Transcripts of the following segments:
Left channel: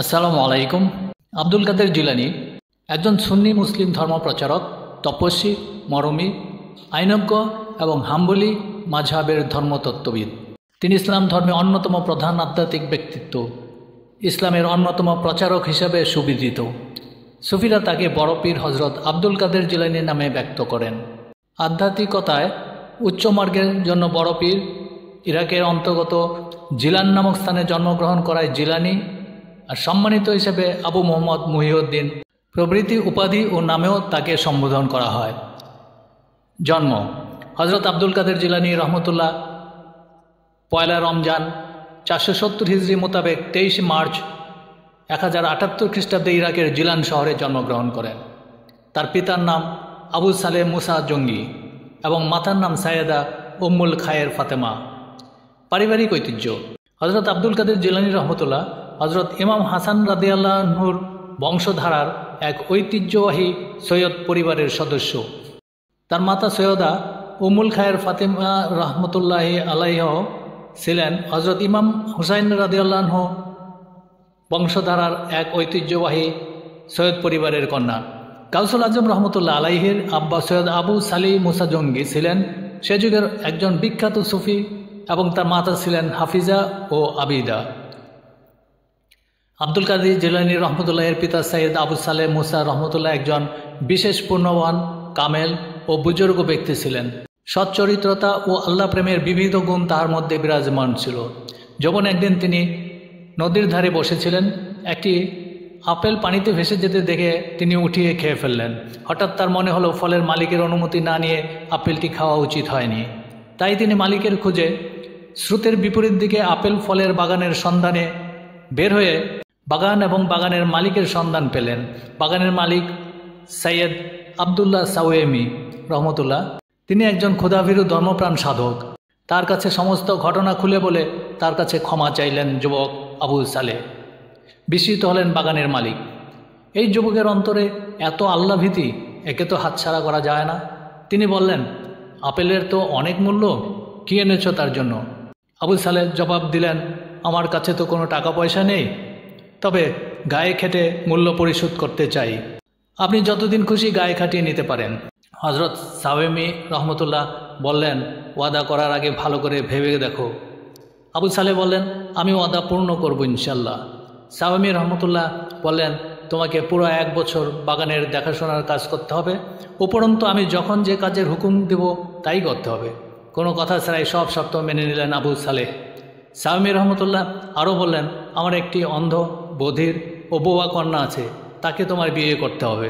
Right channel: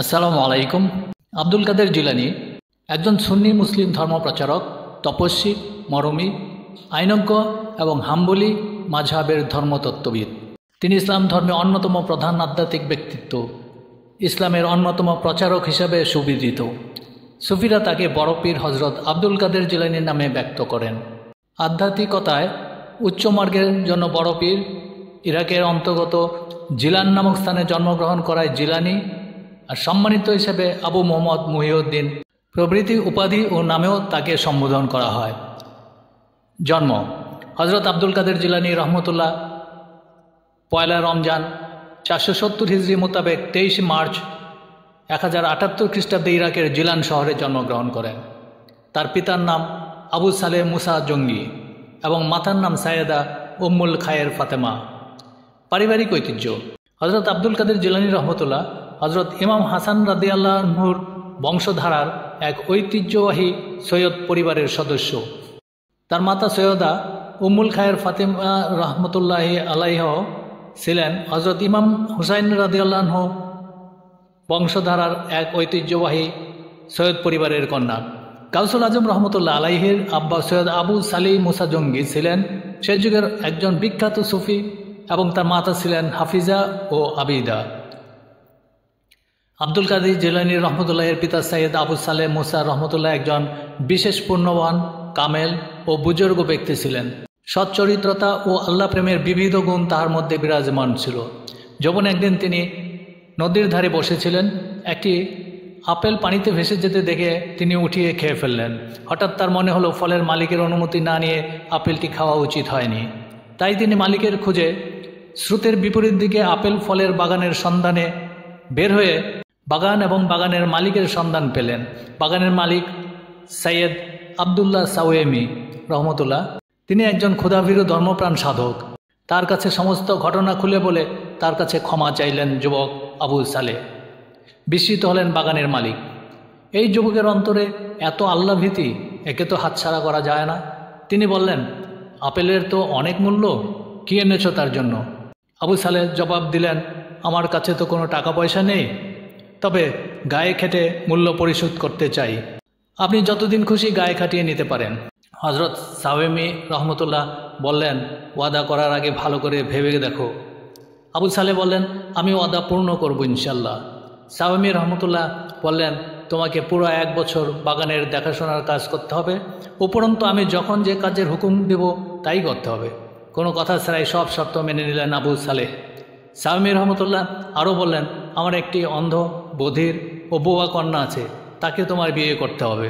আসসালামু আলাইকুম। আব্দুল কাদের জিলানী একজন সুন্নি মুসলিম ধর্ম প্রচারক, তপস্বী, মরমী, আইনজ্ঞ এবং হাম্বলি মাযহাবের ধর্মতত্ত্ববিদ। তিনি ইসলাম ধর্মের অন্যতম প্রধান আধ্যাত্মিক ব্যক্তিত্ব, ইসলামের অন্যতম প্রচারক হিসাবে সুবিদিত। সুফিরা তাকে বড় পীর হজরত আব্দুল কাদের জিলানী নামে ব্যক্ত করেন। আধ্যাত্মিকতায় উচ্চমার্গের জন্য বড় পীর ইরাকের অন্তর্গত জিলান নামক স্থানে জন্মগ্রহণ করায় জিলানী, আর সম্মানিত হিসেবে আবু মোহাম্মদ মুহিউদ্দিন প্রভৃতি উপাধি ও নামেও তাকে সম্বোধন করা হয়। জন্ম: হজরত আব্দুল কাদের জিলানী রহমতুল্লাহ পয়লা রমজান 470 হিজরি মোতাবেক 23 মার্চ 1078 খ্রিস্টাব্দে ইরাকের জিলান শহরে জন্মগ্রহণ করেন। তার পিতার নাম আবু সালেহ মুসা জঙ্গি এবং মাতার নাম সাইয়েদা উম্মুল খায়ের ফাতেমা। পারিবারিক ঐতিহ্য: হজরত আব্দুল কাদের জিলানী রহমতুল্লাহ হজরত ইমাম হাসান রাদিয়াল্লাহু আনহুর বংশধারার এক ঐতিহ্যবাহী সৈয়দ পরিবারের সদস্য। তার মাতা সৈয়দা উম্মুল খায়ের ফাতেমা রহমতুল্লাহ আলাইহা ছিলেন হজরত ইমাম হুসাইন রাদিয়াল্লাহু আনহু বংশধারার এক ঐতিহ্যবাহী সৈয়দ পরিবারের কন্যা। গাউসুল আজম রহমতুল্লাহ আলাইহির আব্বা সৈয়দ আবু সালি মুসা জঙ্গি ছিলেন সে যুগের একজন বিখ্যাত সুফি এবং তার মাতা ছিলেন হাফিজা ও আবিদা। আব্দুল কাদের জিলানী রহমতুল্লাহের পিতা সৈয়দ আবু সালেহ মুসা রহমতুল্লাহ একজন বিশেষ পূর্ণবান, কামেল ও বুজুর্গ ব্যক্তি ছিলেন। সচ্চরিত্রতা ও আল্লাহ প্রেমের বিবিধ গুণ তাহার মধ্যে বিরাজমান ছিল। যখন একদিন তিনি নদীর ধারে বসেছিলেন, একটি আপেল পানিতে ভেসে যেতে দেখে তিনি উঠিয়ে খেয়ে ফেললেন। হঠাৎ তার মনে হলো ফলের মালিকের অনুমতি না নিয়ে আপেলটি খাওয়া উচিত হয়নি। তাই তিনি মালিকের খুঁজে স্রোতের বিপরীত দিকে আপেল ফলের বাগানের সন্ধানে বের হয়ে বাগান এবং বাগানের মালিকের সন্ধান পেলেন। বাগানের মালিক সৈয়দ আবদুল্লাহ সাওয়েমি রহমতুল্লাহ, তিনি একজন ক্ষুধাভীরু ধর্মপ্রাণ সাধক। তার কাছে সমস্ত ঘটনা খুলে বলে তার কাছে ক্ষমা চাইলেন যুবক আবু সালেহ। বিস্মিত হলেন বাগানের মালিক। এই যুবকের অন্তরে এত আল্লাহ ভীতি, একে তো হাতছাড়া করা যায় না। তিনি বললেন, আপেলের তো অনেক মূল্য, কি এনেছ তার জন্য? আবু সালেহ জবাব দিলেন, আমার কাছে তো কোনো টাকা পয়সা নেই, তবে গায়ে খেটে মূল্য পরিশোধ করতে চাই। আপনি যতদিন খুশি গায়ে খাটিয়ে নিতে পারেন। হজরত সাওয়েমি রহমতুল্লাহ বললেন, ওয়াদা করার আগে ভালো করে ভেবে দেখো। আবু সালেহ বললেন, আমি ওয়াদা পূর্ণ করবো ইনশাল্লাহ। সাওয়েমি রহমতুল্লাহ বললেন, তোমাকে পুরো 1 বছর বাগানের দেখাশোনার কাজ করতে হবে। উপরন্তু আমি যখন যে কাজের হুকুম দেব তাই করতে হবে। কোনো কথা ছাড়াই সব শর্ত মেনে নিলেন আবু সালেহ। সাওয়েমি রহমতুল্লাহ আরও বললেন, আমার একটি অন্ধ, বধির ও বোবা কন্যা আছে, তাকে তোমার বিয়ে করতে হবে।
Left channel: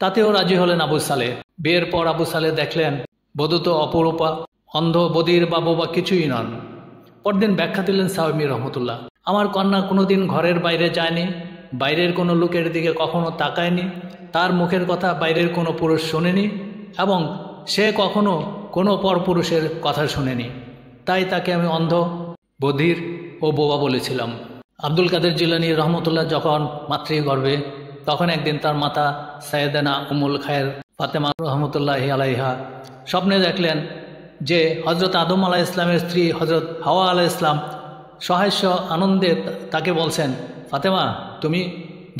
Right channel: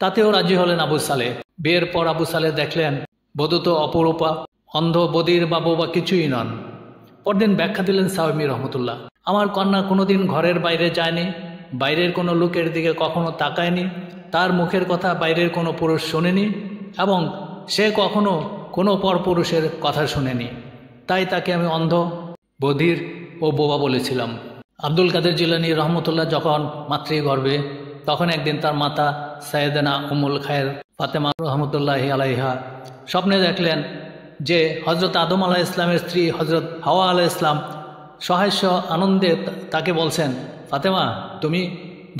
তাতেও রাজি হলেন আবু সালেহ। বিয়ের পর আবু সালেহ দেখলেন বধূ তো অপরূপা, অন্ধ, বধির বা বোবা কিছুই নন। পরদিন ব্যাখ্যা দিলেন সাওয়েমি রহমতুল্লাহ, আমার কন্যা কোনোদিন ঘরের বাইরে যায়নি, বাইরের কোনো লোকের দিকে কখনো তাকায়নি, তার মুখের কথা বাইরের কোনো পুরুষ শোনেনি এবং সে কখনো কোনো পরপুরুষের কথা শোনেনি। তাই তাকে আমি অন্ধ, বধির ও বোবা বলেছিলাম। আব্দুল কাদের জিলানী রহমতুল্লাহ যখন মাতৃগর্ভে, তখন একদিন তার মাতা সাইয়েদানা উম্মুল খায়ের ফাতেমা রহমতুল্লাহ আলাইহা স্বপ্নে দেখলেন যে হজরত আদম আলাহ ইসলামের স্ত্রী হজরত হাওয়া আলাহ ইসলাম সহাস্য আনন্দে তাকে বলছেন, ফাতেমা, তুমি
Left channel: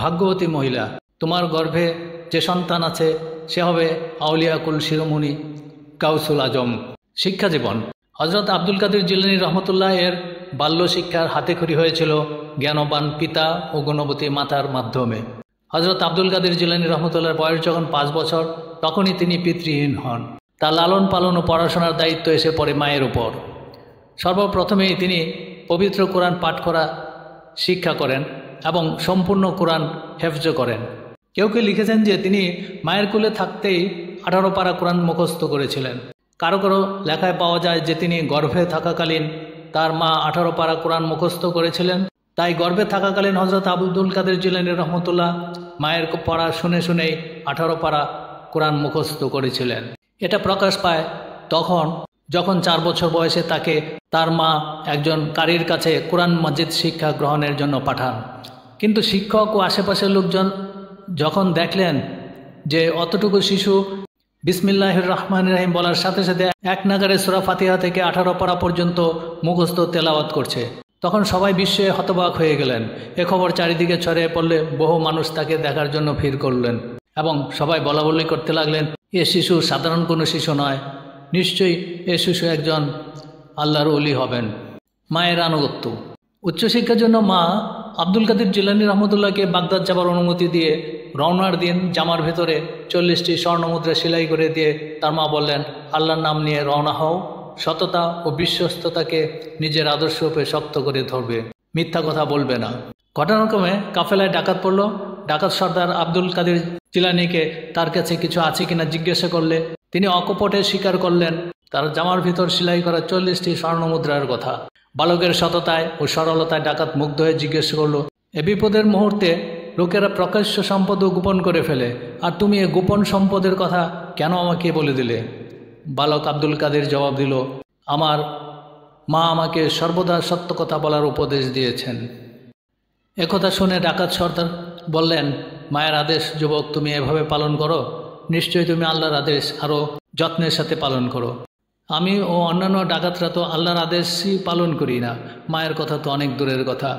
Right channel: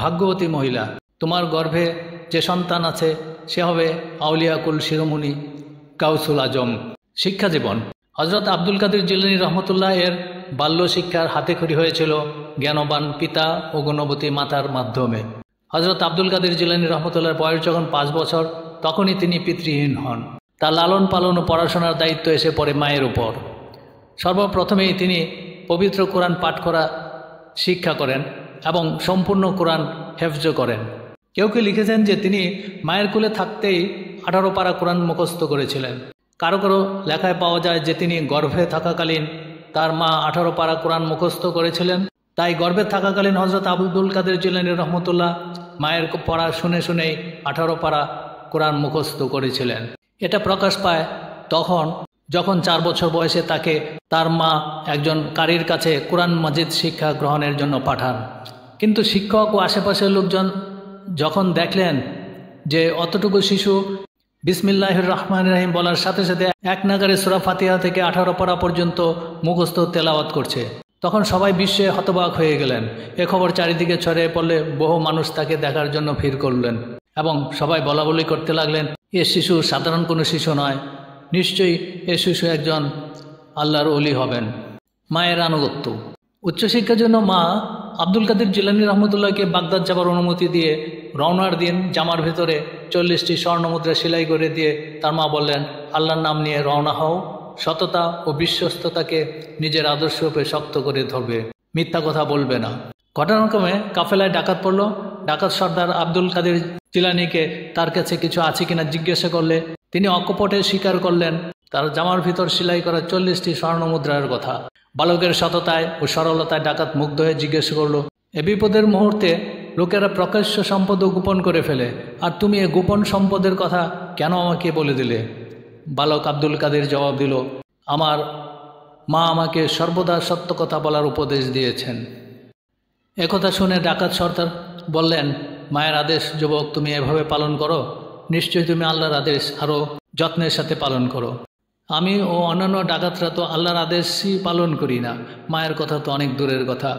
ভাগ্যবতী মহিলা, তোমার গর্ভে যে সন্তান আছে সে হবে আউলিয়া কুল শিরোমণি গাউসুল আজম। শিক্ষা জীবন: হজরত আব্দুল কাদের জিলানী রহমতুল্লাহ এর বাল্য শিক্ষার হাতেখড়ি হয়েছিল জ্ঞানবান পিতা ও গুণবতী মাতার মাধ্যমে। হজরত আব্দুল কাদের জিলানী রহমতুল্লাহর বয়স যখন 5 বছর, তখনই তিনি পিতৃহীন হন। তার লালন পালন ও পড়াশোনার দায়িত্ব এসে পড়ে মায়ের উপর। সর্বপ্রথমেই তিনি পবিত্র কোরআন পাঠ করা শিক্ষা করেন এবং সম্পূর্ণ কোরআন হেফজ করেন। কেউ কেউ লিখেছেন যে তিনি মায়ের কোলে থাকতেই 18 পারা কোরআন মুখস্থ করেছিলেন। কারো কারো লেখায় পাওয়া যায় যে তিনি গর্ভে থাকাকালীন তার মা 18 পারা কোরআন মুখস্থ করেছিলেন। তাই গর্ভে থাকাকালীন হজরত আব্দুল কাদের জিলানী রহমতুল্লাহ মায়ের পড়া শুনে শুনেই 18 পারা কোরআন মুখস্থ করেছিলেন। এটা প্রকাশ পায় তখন যখন 4 বছর বয়সে তাকে তার মা একজন কারির কাছে কোরআন মাজিদ শিক্ষা গ্রহণের জন্য পাঠান। কিন্তু শিক্ষক ও আশেপাশের লোকজন যখন দেখলেন যে অতটুকু শিশু বিসমিল্লাহির রহমানির রহিম বলার সাথে সাথে এক নাগারে সূরা ফাতিহা থেকে 18 পারা পর্যন্ত মুখস্থ তেলাওয়াত করছে, তখন সবাই বিস্ময়ে হতবাক হয়ে গেলেন। এ খবর চারিদিকে ছড়িয়ে পড়লে বহু মানুষ তাকে দেখার জন্য ভিড় করলেন এবং সবাই বলাবলি করতে লাগলেন, এ শিশু সাধারণ কোনো শিশু নয়, নিশ্চয়ই এ শিশু একজন আল্লাহর ওলি হবেন। মায়ের আনুগত্য। উচ্চশিক্ষার জন্য মা আব্দুল কাদের জিলানী রহমতুল্লাহকে বাগদাদ যাবার অনুমতি দিয়ে রওনার দিন জামার ভেতরে 40টি স্বর্ণমুদ্রা সেলাই করে দিয়ে তার মা বললেন, আল্লাহর নাম নিয়ে রওনা হও, সততা ও বিশ্বস্ততাকে নিজের আদর্শ রূপে শক্ত করে ধরবে, মিথ্যা কথা বলবে না। ঘটনাক্রমে কাফেলায় ডাকাত পড়ল। ডাকাত সর্দার আব্দুল কাদের জিলানীকে তার কাছে কিছু আছে কিনা জিজ্ঞাসা করলে তিনি অকপটে স্বীকার করলেন তার জামার ভিতর সেলাই করা 40টি স্বর্ণমুদ্রার কথা। বালকের সততায় ও সরলতায় ডাকাত মুগ্ধ হয়ে জিজ্ঞেস করল, এ বিপদের মুহূর্তে লোকেরা প্রকাশ্য সম্পদ গোপন করে ফেলে, আর তুমি এই গোপন সম্পদের কথা কেন আমাকে বলে দিলে? বালক আব্দুল কাদের জবাব দিল, আমার মা আমাকে সর্বদা সত্য কথা বলার উপদেশ দিয়েছেন। একথা শুনে ডাকাত সর্দার বললেন, মায়ের আদেশ যুবক তুমি এভাবে পালন করো, নিশ্চয়ই তুমি আল্লাহর আদেশ আরো যত্নের সাথে পালন করো। আমি ও অন্যান্য ডাকাতরা তো আল্লাহর আদেশই পালন করি না, মায়ের কথা তো অনেক দূরের কথা।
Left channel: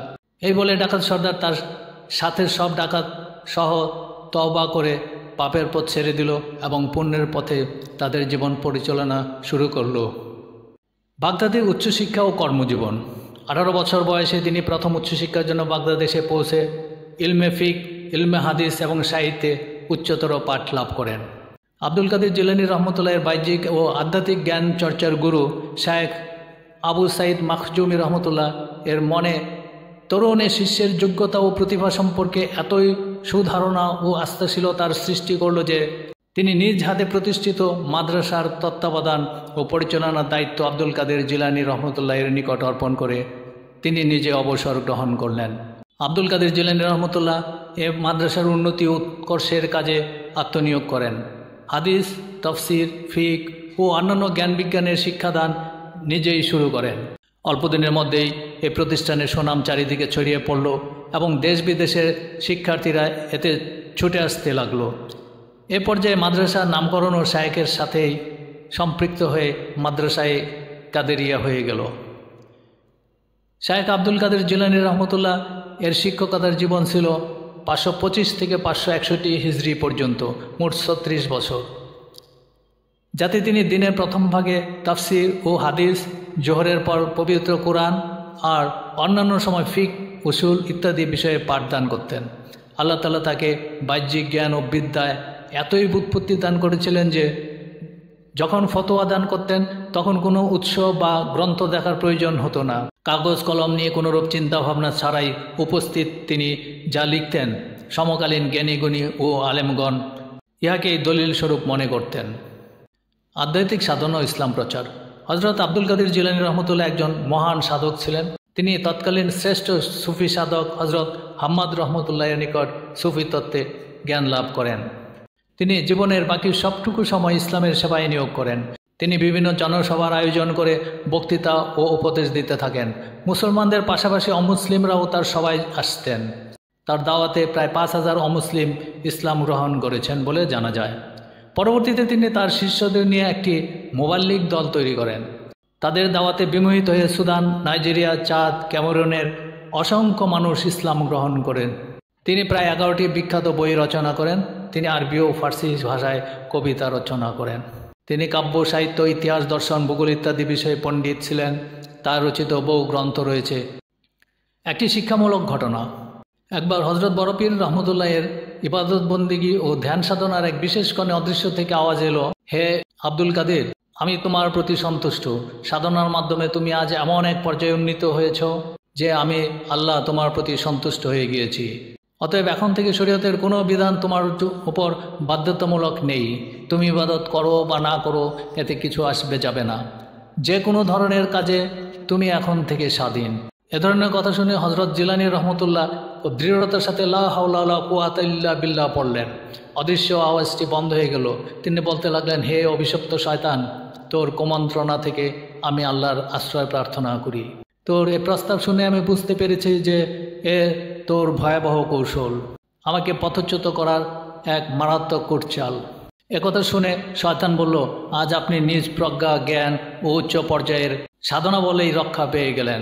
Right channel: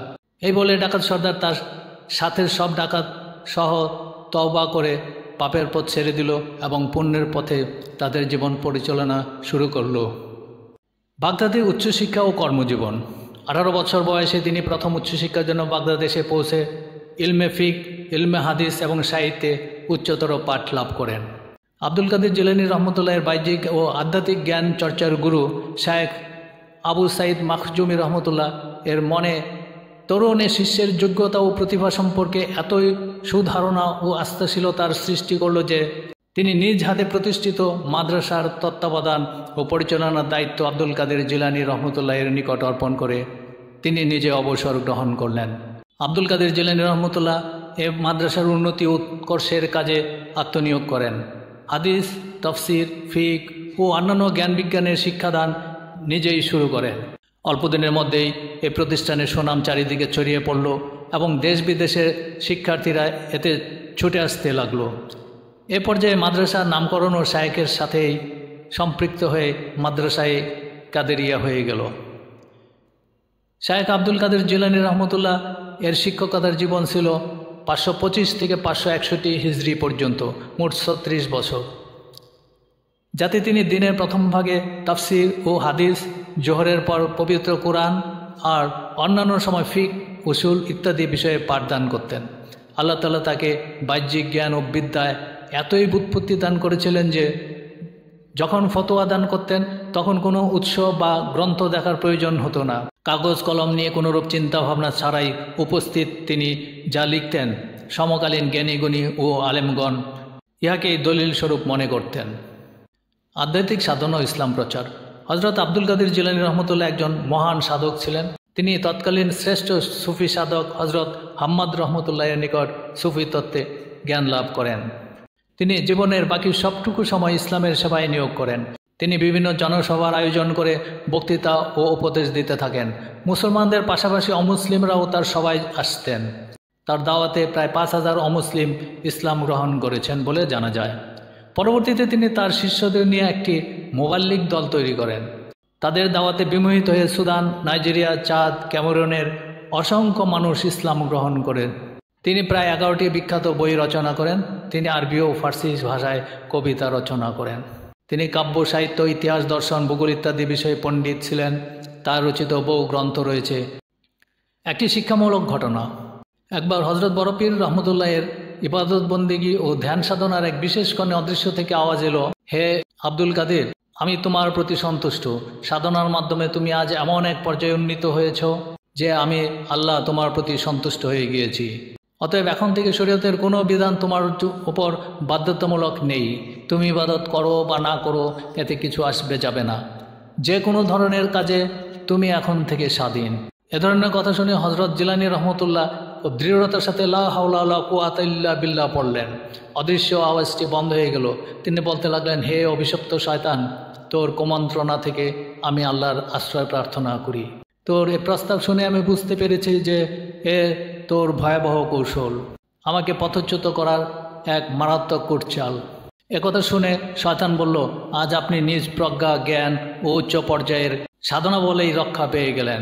এই বলে ডাকাত সর্দার তার সাথে সব ডাকাত সহ তওবা করে পাপের পথ ছেড়ে দিল এবং পুণ্যের পথে তাদের জীবন পরিচালনা শুরু করল। বাগদাদে উচ্চশিক্ষা ও কর্মজীবন। 18 বছর বয়সে তিনি প্রথম উচ্চশিক্ষার জন্য বাগদাদেশে পৌঁছে ইলমে ফিক, ইলমে হাদিস এবং সাহিত্যে উচ্চতর পাঠ লাভ করেন। আব্দুল কাদের জিলানী রহমতুল্লাহের বাহ্যিক ও আধ্যাত্মিক জ্ঞান চর্চার গুরু শায়েখ আবু সাইদ মাখজুমি রহমতুল্লাহ এর মনে তরুণে শিষ্যের যোগ্যতা ও প্রতিভা সম্পর্কে এতই সুধারণা ও আস্থাশীলতার সৃষ্টি করল যে তিনি নিজ হাতে প্রতিষ্ঠিত মাদ্রাসার তত্ত্বাবধান ও পরিচালনার দায়িত্ব আব্দুল কাদের জিলানী রহমতুল্লাহের নিকট অর্পণ করে তিনি নিজে অবসর গ্রহণ করলেন। আব্দুল কাদের জিলানী রহমতুল্লাহ এ মাদ্রাসার উন্নতি ও উৎকর্ষের কাজে আত্মনিয়োগ করেন। হাদিস, তফসির, ফিক ও অন্যান্য জ্ঞান বিজ্ঞানের শিক্ষাদান নিজেই শুরু করেন। অল্পদিনের মধ্যেই এই প্রতিষ্ঠানের সুনাম চারিদিকে ছড়িয়ে পড়ল এবং দেশ বিদেশের শিক্ষার্থীরা এতে ছুটে আসতে লাগলো। এ পর্যায়ে মাদ্রাসা নামকরণ ও শায়েখের সাথেই সম্পৃক্ত হয়ে মাদ্রাসায় কাদেরিয়া হয়ে গেল। শায়েখ আব্দুল কাদের জিলানী রহমতুল্লাহ এর শিক্ষকতার জীবন ছিল 525 থেকে 561 হিজরি পর্যন্ত, মোট 36 বছর, যাতে তিনি দিনের প্রথম ভাগে তাফসির ও হাদিস, জোহরের পর পবিত্র কোরআন আর অন্যান্য সময় ফিক, উসুল ইত্যাদি বিষয়ে পাঠদান করতেন। আল্লাহ তাআলা তাকে বাহ্যিক জ্ঞান ও বিদ্যায় এতই বুৎপত্তি দান করেছিলেন যে যখন ফতোয়া দান করতেন তখন কোনো উৎস বা গ্রন্থ দেখার প্রয়োজন হতো না। কাগজ কলম নিয়ে কোনোরূপ চিন্তা ভাবনা ছাড়াই উপস্থিত তিনি যা লিখতেন সমকালীন জ্ঞানীগুণী ও আলেমগণ ইহাকেই দলিল স্বরূপ মনে করতেন। আধ্যাত্মিক সাধনা ও ইসলাম প্রচার। হযরত আব্দুল কাদের জিলানী রহমতুল্লাহ একজন মহান সাধক ছিলেন। তিনি তৎকালীন শ্রেষ্ঠ সুফি সাধক হযরত হাম্মাদ রহমতুল্লাহের নিকট সুফি তত্ত্বে জ্ঞান লাভ করেন। তিনি জীবনের বাকি সবটুকু সময় ইসলামের সেবায় নিয়োগ করেন। তিনি বিভিন্ন জনসভার আয়োজন করে বক্তৃতা ও উপদেশ দিতে থাকেন। মুসলমানদের পাশাপাশি অমুসলিমরাও তার সভায় আসতেন। তার দাওয়াতে প্রায় 5000 অমুসলিম ইসলাম গ্রহণ করেছেন বলে জানা যায়। পরবর্তীতে তিনি তার শিষ্যদের নিয়ে একটি মুবাল্লিগ দল তৈরি করেন। তাদের দাওয়াতে বিমোহিত হয়ে সুদান, নাইজেরিয়া, চাদ, ক্যামেরুনের অসংখ্য মানুষ ইসলাম গ্রহণ করেন। তিনি প্রায় 11টি বিখ্যাত বই রচনা করেন। তিনি আরবি ও ফার্সি ভাষায় কবিতা রচনা করেন। তিনি কাব্য, সাহিত্য, ইতিহাস, দর্শন, ভূগোল ইত্যাদি বিষয়ে পণ্ডিত ছিলেন। তার রচিত বহু গ্রন্থ রয়েছে। একটি শিক্ষামূলক ঘটনা। একবার হযরত বড়পীর রহমতুল্লাহের ইবাদত বন্দেগী ও ধ্যান সাধনার এক বিশেষ কোণে অদৃশ্য থেকে আওয়াজ এলো, হে আব্দুল কাদের, আমি তোমার প্রতি সন্তুষ্ট। সাধনার মাধ্যমে তুমি আজ এমন এক পর্যায়ে উন্নীত হয়েছ যে আমি আল্লাহ তোমার প্রতি সন্তুষ্ট হয়ে গিয়েছি। অতএব এখন থেকে শরীয়তের কোনো বিধান তোমার উপর বাধ্যতামূলক নেই। তুমি ইবাদত করো বা না করো, এতে কিছু আসবে যাবে না। যে কোনো ধরনের কাজে তুমি এখন থেকে স্বাধীন। এ ধরনের কথা শুনে হযরত জিলানী রহমতুল্লাহ দৃঢ়তার সাথে লা হাওলা ওয়ালা কুওয়াতা ইল্লা বিল্লাহ পড়লেন। অদৃশ্য আওয়াজটি বন্ধ হয়ে গেল। তিনি বলতে লাগলেন, হে অভিশপ্ত শয়তান, তোর কুমন্ত্রণা থেকে আমি আল্লাহর আশ্রয় প্রার্থনা করি। তোর এ প্রস্তাব শুনে আমি বুঝতে পেরেছি যে এ তোর ভয়াবহ কৌশল, আমাকে পথচ্যুত করার এক মারাত্মক কূটচাল। একথা শুনে শয়তান বলল, আজ আপনি নিজ প্রজ্ঞা, জ্ঞান ও উচ্চ পর্যায়ের সাধনা বলেই রক্ষা পেয়ে গেলেন।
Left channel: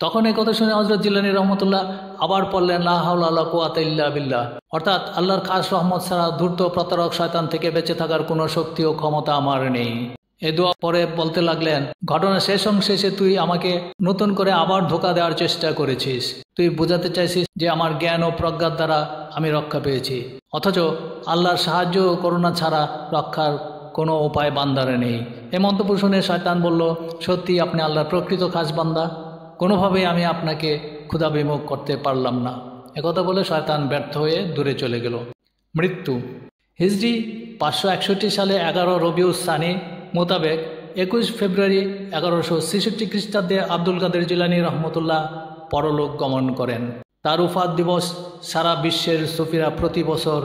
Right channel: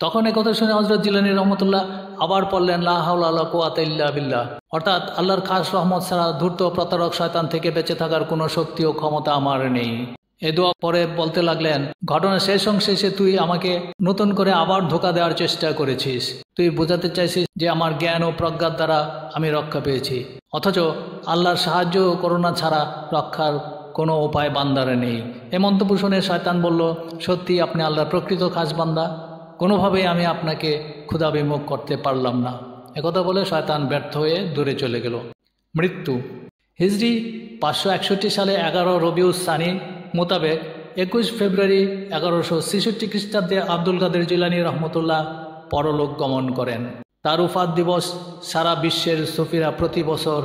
তখন এই কথা শুনে হযরত জিলানী রহমতুল্লাহ আবার পড়লেন লা হাওলা ওয়ালা কুওয়াতা ইল্লা বিল্লাহ, অর্থাৎ আল্লাহর খাস রহমত ছাড়া ধূর্ত প্রতারক শয়তান থেকে বেঁচে থাকার কোনো শক্তি ও ক্ষমতা আমার নেই। এ দোয়া পরে বলতে লাগলেন, ঘটনা শেষ অংশে এসে তুই আমাকে নতুন করে আবার ধোঁকা দেওয়ার চেষ্টা করেছিস। তুই বোঝাতে চাইছিস যে আমার জ্ঞান ও প্রজ্ঞার দ্বারা আমি রক্ষা পেয়েছি, অথচ আল্লাহর সাহায্য ও করুণা ছাড়া রক্ষার কোনো উপায় বান্দারে নেই। এ মন্তব্য শুনে শয়তান বলল, সত্যি আপনি আল্লাহর প্রকৃত খাস বান্দা, কোনোভাবেই আমি আপনাকে ক্ষুধাবিমুখ করতে পারলাম না। একথা বলে শয়তান ব্যর্থ হয়ে দূরে চলে গেল। মৃত্যু হিজরি 561 সালে 11 রবিউল সানি মোতাবেক 21 ফেব্রুয়ারি 1166 খ্রিস্টাব্দে আব্দুল কাদের জিলানী রহমতুল্লাহ পরলোক গমন করেন। তার উফাত দিবস সারা বিশ্বের সুফিরা প্রতি বছর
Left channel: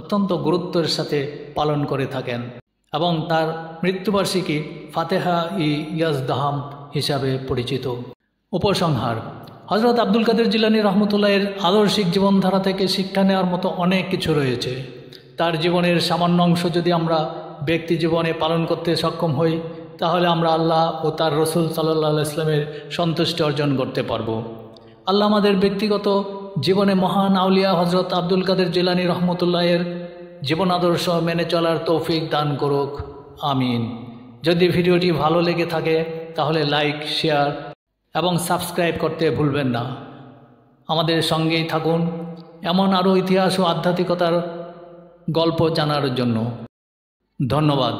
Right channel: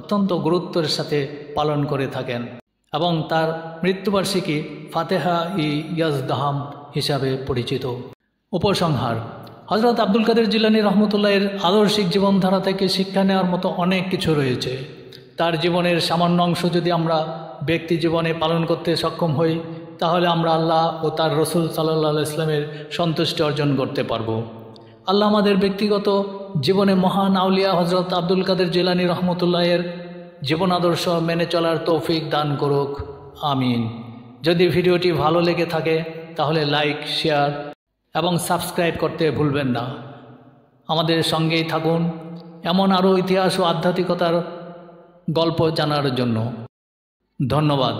অত্যন্ত গুরুত্বের সাথে পালন করে থাকেন এবং তার মৃত্যুবার্ষিকী ফাতেহা ই ইয়াজদাহাম হিসাবে পরিচিত। উপসংহার: হযরত আব্দুল কাদের জিলানী রহমতুল্লাহের আদর্শিক জীবনধারা থেকে শিক্ষা নেওয়ার মতো অনেক কিছু রয়েছে। তার জীবনের সামান্য অংশ যদি আমরা ব্যক্তি জীবনে পালন করতে সক্ষম হই, তাহলে আমরা আল্লাহ ও তার রসুল সাল্লাল্লাহু আলাইহি ওয়াসাল্লামের সন্তুষ্টি অর্জন করতে পারব। আল্লাহ আমাদের ব্যক্তিগত জীবনে মহান আউলিয়া হযরত আব্দুল কাদের জিলানী রহমতুল্লাহের জীবন আদর্শ মেনে চলার তৌফিক দান করুক, আমিন। যদি ভিডিওটি ভালো লেগে থাকে তাহলে লাইক, শেয়ার এবং সাবস্ক্রাইব করতে ভুলবেন না। আমাদের সঙ্গেই থাকুন এমন আরও ইতিহাস ও আধ্যাত্মিকতার গল্প জানার জন্য। ধন্যবাদ।